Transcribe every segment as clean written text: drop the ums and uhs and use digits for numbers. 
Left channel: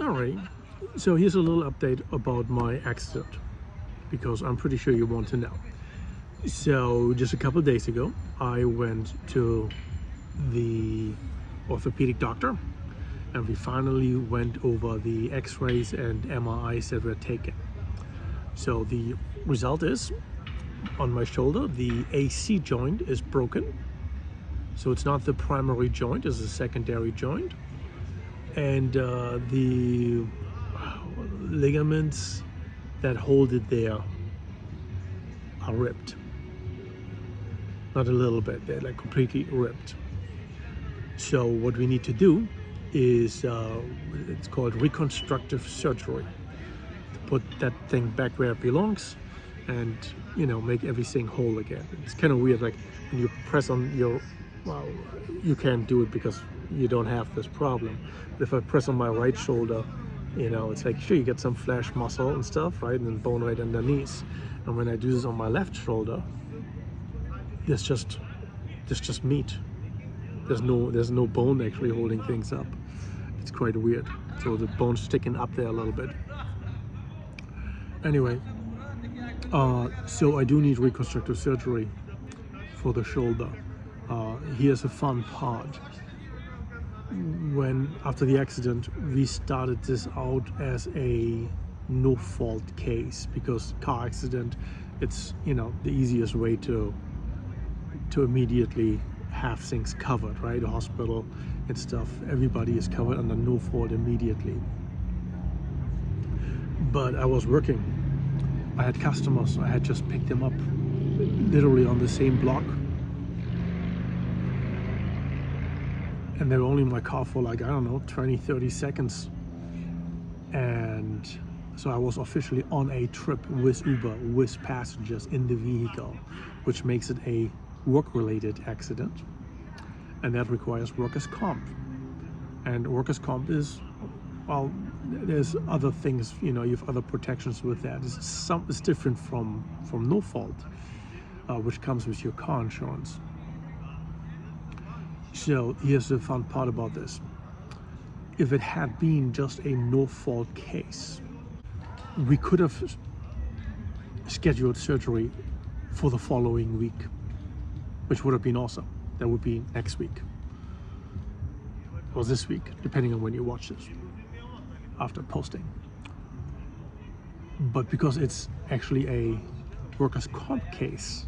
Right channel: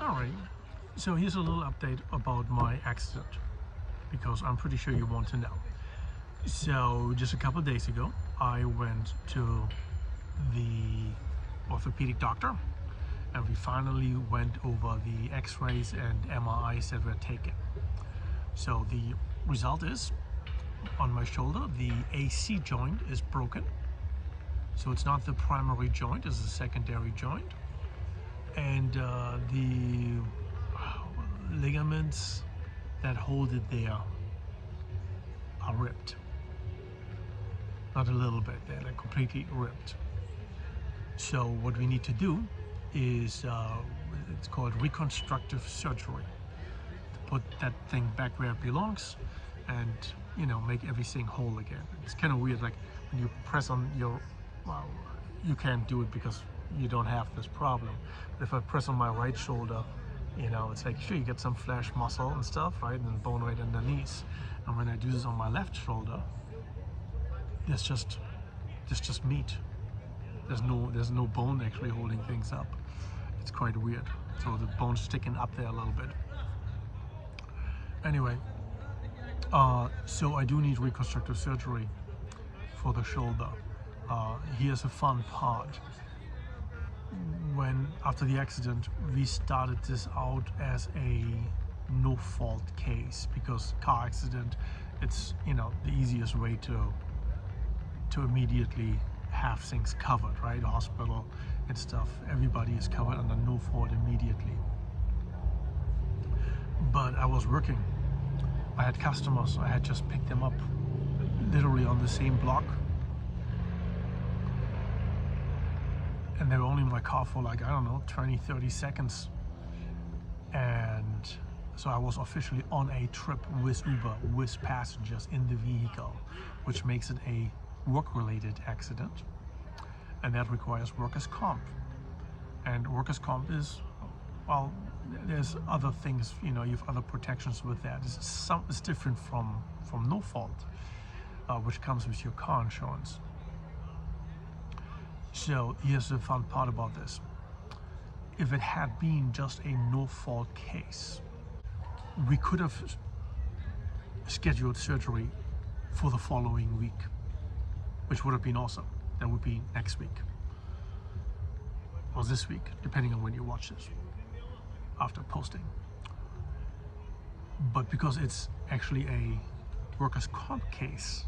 Alright, so here's a little update about my accident, because I'm pretty sure you want to know. So just a couple of days ago, I went to the orthopedic doctor and we finally went over the X-rays and MRIs that were taken. So the result is, on my shoulder, the AC joint is broken. So it's not the primary joint, it's a secondary joint. And the ligaments that hold it there are ripped. Not a little bit, they're like completely ripped. So what we need to do is, it's called reconstructive surgery, to put that thing back where it belongs and, you know, make everything whole again. It's kind of weird, like when you press on your, well, you can't do it because you don't have this problem. But if I press on my right shoulder, you know, it's like, sure, you get some flesh, muscle and stuff, right? And then bone right underneath. And when I do this on my left shoulder, there's just meat. There's no bone actually holding things up. It's quite weird. So the bone's sticking up there a little bit. Anyway, so I do need reconstructive surgery for the shoulder. Here's a fun part. After the accident, we started this out as a no-fault case, because car accident, it's, you know, the easiest way to immediately have things covered, right? Hospital and stuff, everybody is covered under no fault immediately. But I was working, I had customers, I had just picked them up literally on the same block, and they were only in my car for like, I don't know, 20-30 seconds. And so I was officially on a trip with Uber, with passengers in the vehicle, which makes it a work-related accident, and that requires workers' comp. And workers' comp is, well, there's other things, you know, you have other protections with that. It's different from no fault, which comes with your car insurance. So here's the fun part about this. If it had been just a no-fault case, we could have scheduled surgery for the following week, which would have been awesome. That would be next week or this week, depending on when you watch this after posting. But because it's actually a workers' comp case,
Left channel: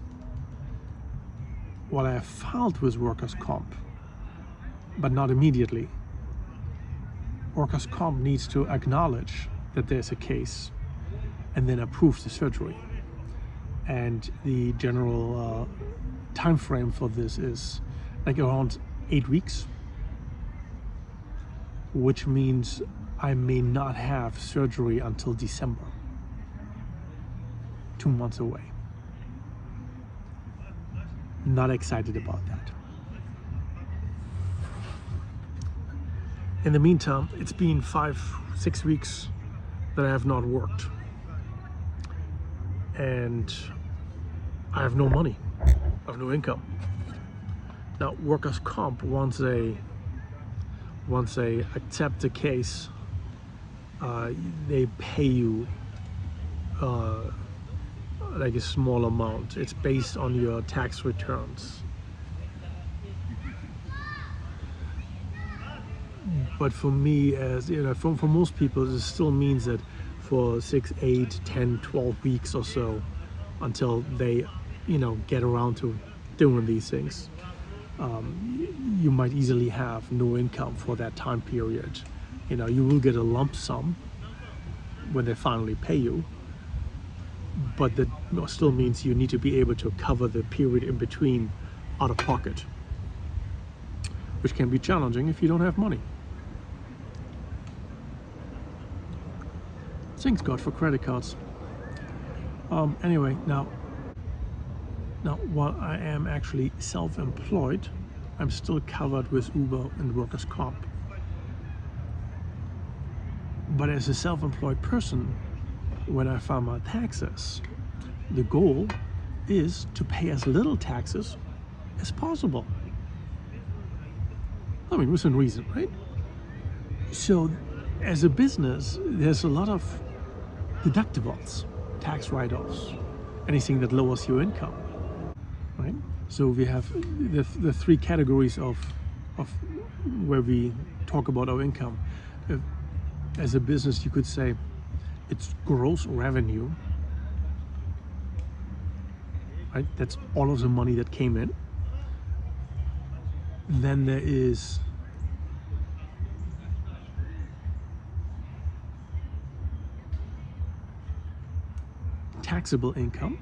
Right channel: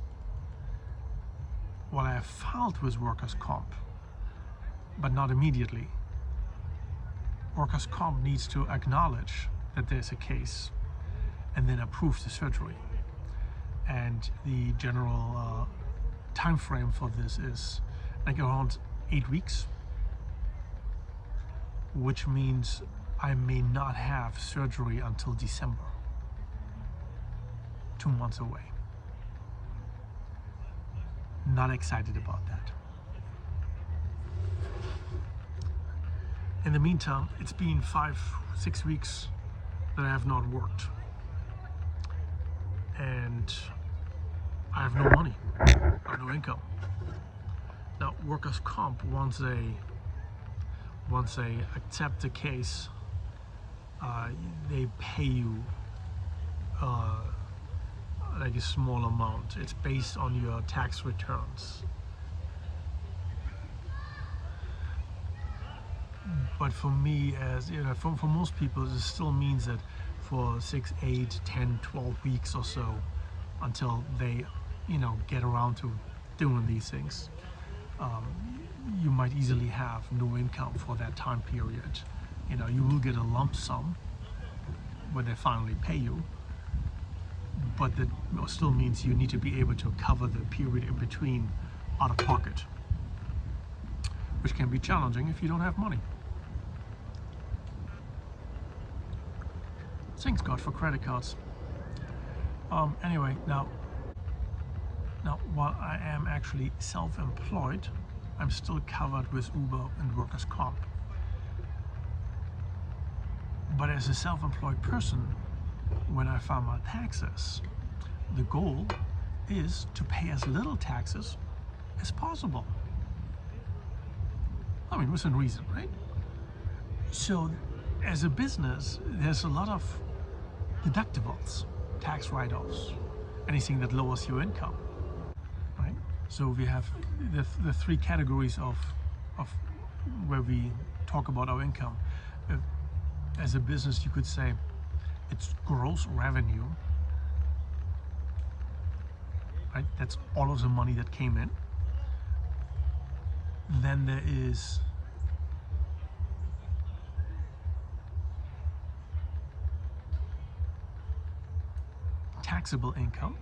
while I have filed with workers' comp, but not immediately, workers' comp needs to acknowledge that there's a case and then approve the surgery. And the general time frame for this is like around 8 weeks, which means I may not have surgery until December, 2 months away. Not excited about that. In the meantime, it's been 5-6 weeks that I have not worked, and I have no money, I have no income. Now, workers' comp, once they accept the case, they pay you like a small amount. It's based on your tax returns. But for me, as you know, for most people, this still means that for 6, 8, 10, 12 weeks or so, until they, you know, get around to doing these things, you might easily have no income for that time period. You know, you will get a lump sum when they finally pay you, but that still means you need to be able to cover the period in between out of pocket, which can be challenging if you don't have money. Thanks God for credit cards. Anyway, now while I am actually self-employed, I'm still covered with Uber and workers' comp. But as a self-employed person, when I file my taxes, the goal is to pay as little taxes as possible. I mean, within reason, right? So as a business, there's a lot of deductibles, tax write-offs, anything that lowers your income, right? So we have the three categories of where we talk about our income. As a business, you could say it's gross revenue, right? That's all of the money that came in. Then there is taxable income,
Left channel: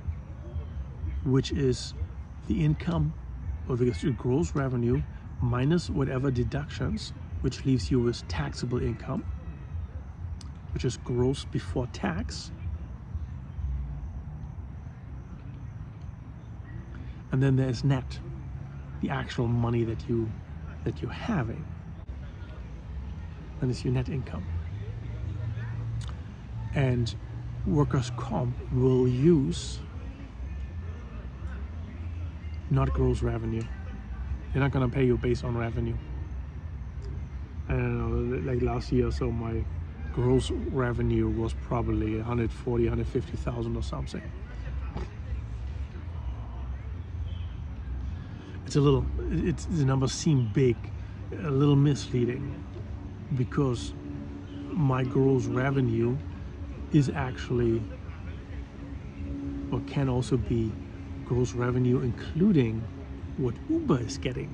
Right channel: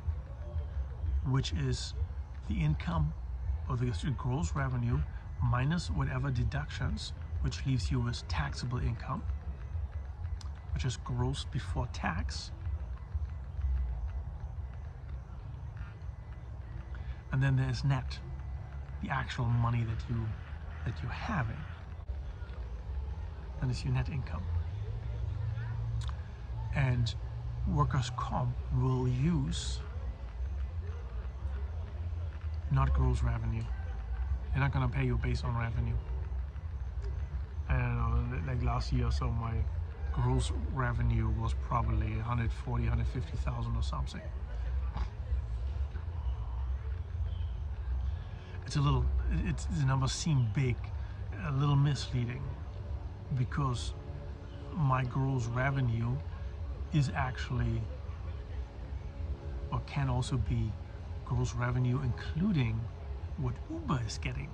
which is the income or the gross revenue minus whatever deductions, which leaves you with taxable income, which is gross before tax. And then there's net, the actual money that you're having. Then it's your net income. And workers' comp will use not gross revenue. They're not going to pay you based on revenue. I don't know, like last year or so, my gross revenue was probably 140, 150,000 or something. The numbers seem big, a little misleading, because my gross revenue is actually, or can also be, gross revenue including what Uber is getting,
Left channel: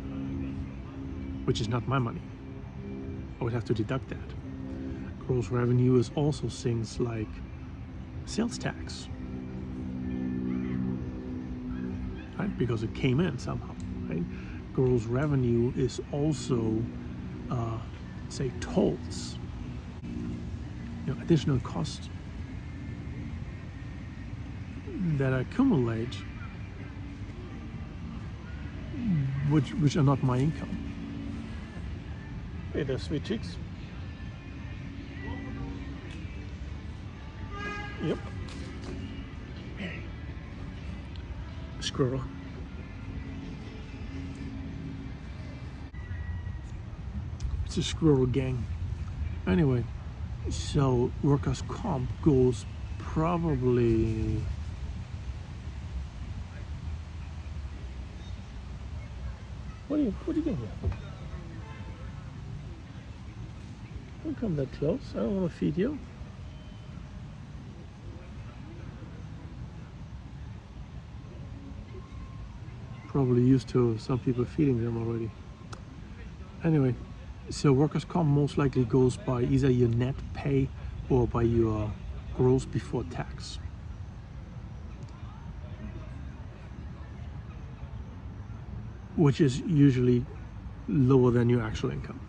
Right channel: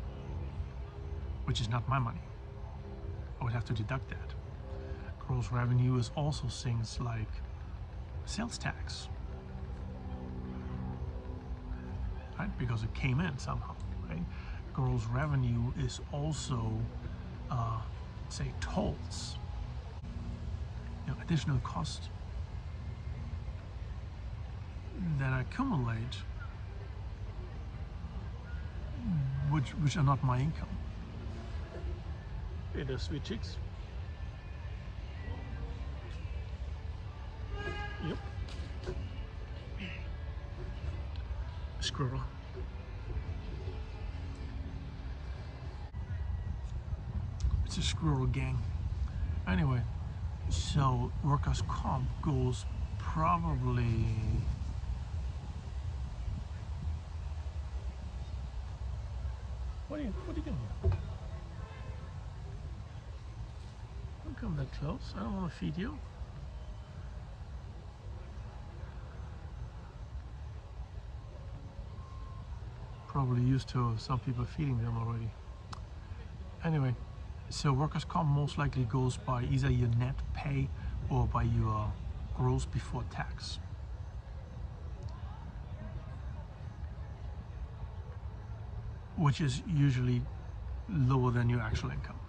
which is not my money. I would have to deduct that. Gross revenue is also things like sales tax, right? Because it came in somehow, right? Gross revenue is also, say, tolls, additional costs that accumulate, which are not my income. Hey there, sweet cheeks. Yep. Squirrel. It's a squirrel gang. Anyway, so workers' comp goes probably What are you doing here? Don't come that close. I don't want to feed you. Probably used to some people feeding them already. Anyway, so workers' comp most likely goes by either your net pay or by your gross before tax. Which is usually lower than your actual income.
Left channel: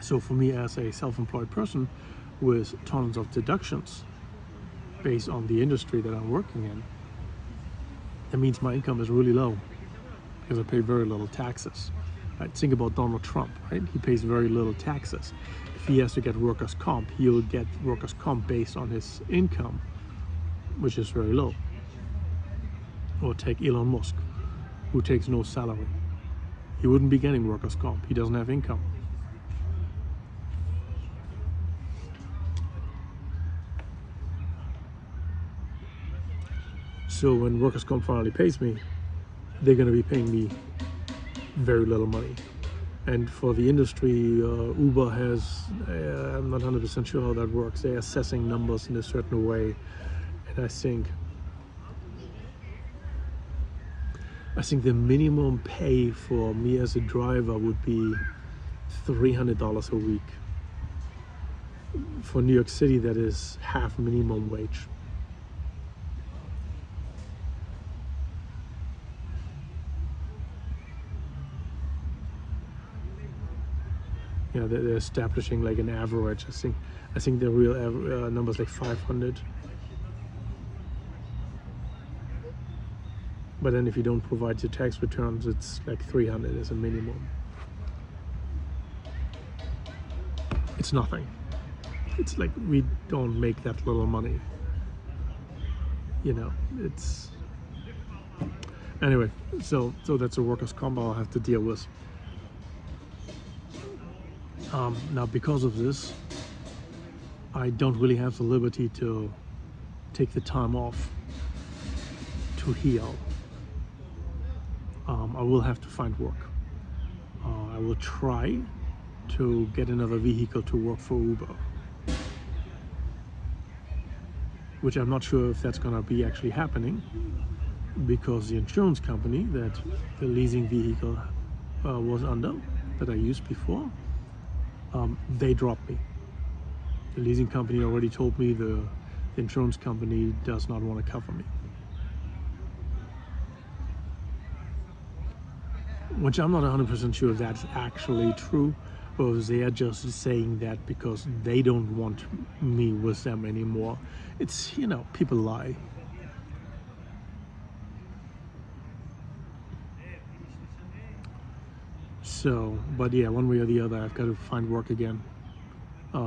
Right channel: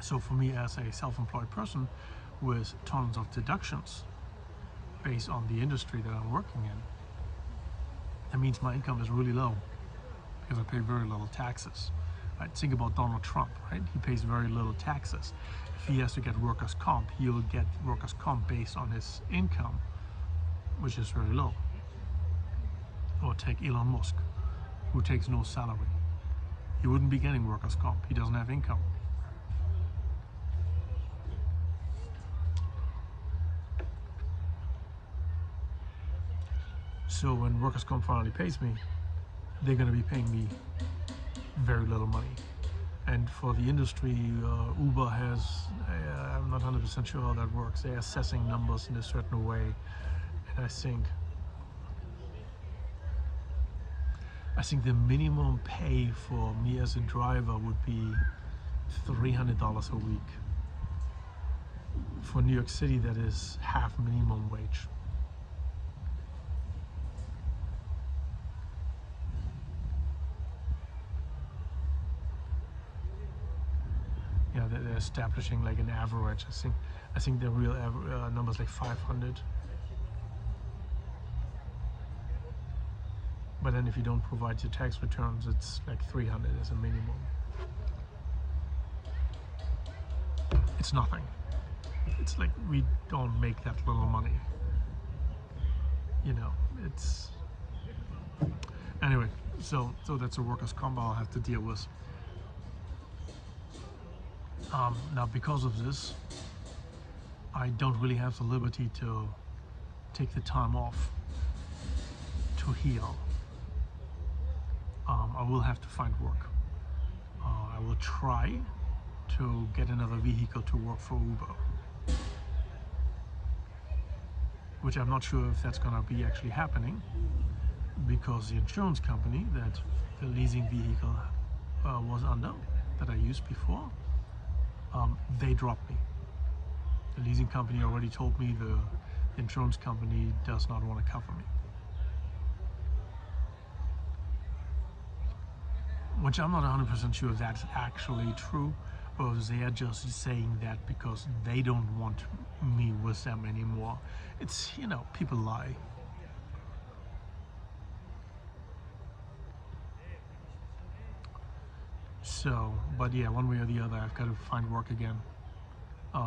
So for me as a self-employed person with tons of deductions based on the industry that I'm working in, that means my income is really low because I pay very little taxes. Right? Think about Donald Trump, right? He pays very little taxes. If he has to get workers' comp, he'll get workers' comp based on his income, which is very low. Or take Elon Musk, who takes no salary. He wouldn't be getting workers' comp. He doesn't have income. So when workers' comp finally pays me, they're going to be paying me very little money. And for the industry, Uber has, I'm not 100% sure how that works. They're assessing numbers in a certain way. And I think the minimum pay for me as a driver would be $300 a week. For New York City, that is half minimum wage. Yeah, they're establishing like an average. I think the real number is like 500. But then if you don't provide your tax returns, it's like 300 as a minimum. It's nothing. It's like we don't make that little money. It's anyway. So that's a workers' comp I'll have to deal with. Now, because of this, I don't really have the liberty to take the time off to heal. I will have to find work. I will try to get another vehicle to work for Uber, which I'm not sure if that's going to be actually happening, because the insurance company that the leasing vehicle was under, that I used before, they dropped me. The leasing company already told me the insurance company does not want to cover me. Which I'm not 100% sure if that's actually true, or if they're just saying that because they don't want me with them anymore. It's, you know, people lie. So, but yeah, one way or the other, I've got to find work again.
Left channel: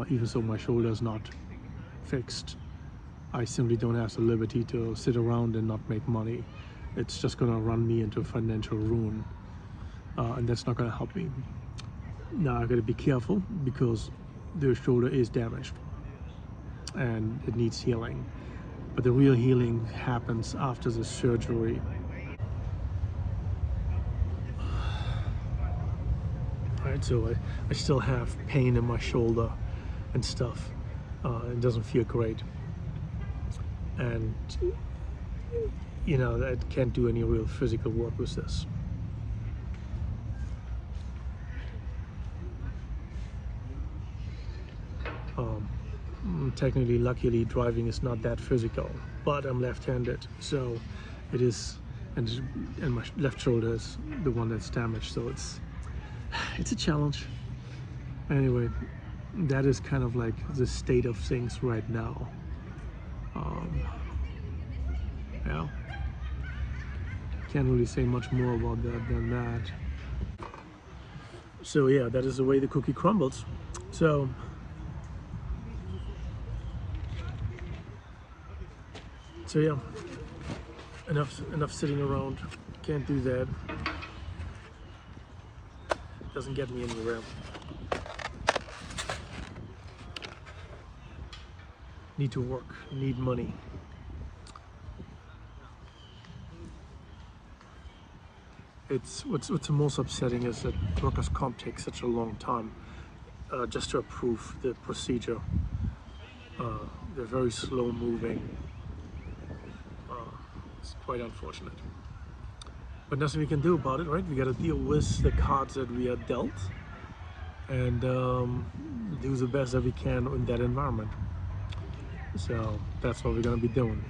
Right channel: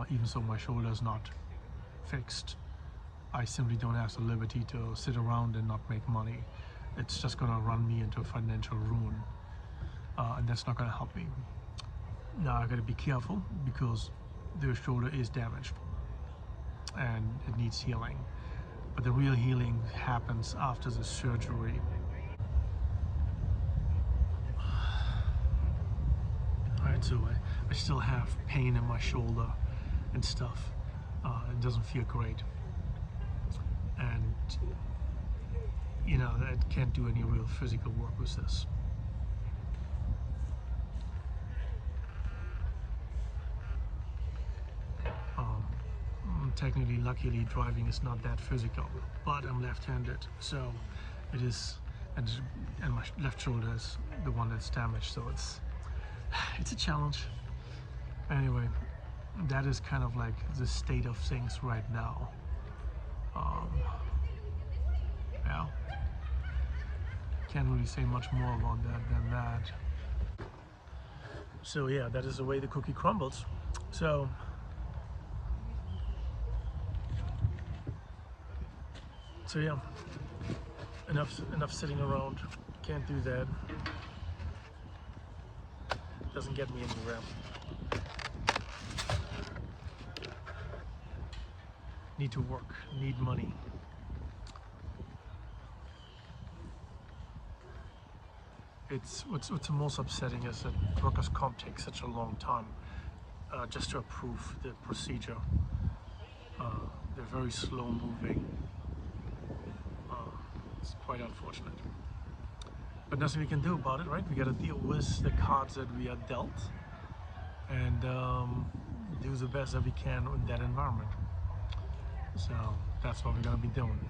Even so my shoulder is not fixed, I simply don't have the liberty to sit around and not make money. It's just going to run me into financial ruin, and that's not going to help me. Now I've got to be careful because the shoulder is damaged and it needs healing, but the real healing happens after the surgery. Alright, so I still have pain in my shoulder and stuff. It doesn't feel great, and you know, I can't do any real physical work with this. Technically, luckily, driving is not that physical, but I'm left-handed, so it is, and my left shoulder is the one that's damaged, so it's a challenge. Anyway, that is kind of like the state of things right now. Yeah, can't really say much more about that than that. So yeah, that is the way the cookie crumbles. So yeah, enough sitting around. Can't do that. Doesn't get me anywhere. Need to work, need money. It's what's the most upsetting is that workers' comp takes such a long time just to approve the procedure. They're very slow moving. It's quite unfortunate, but nothing we can do about it, right? We got to deal with the cards that we are dealt and do the best that we can in that environment. So that's what we're gonna be doing.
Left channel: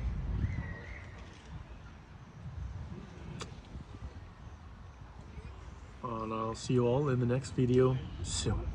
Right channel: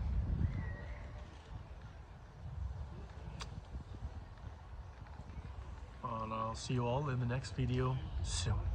And I'll see you all in the next video soon.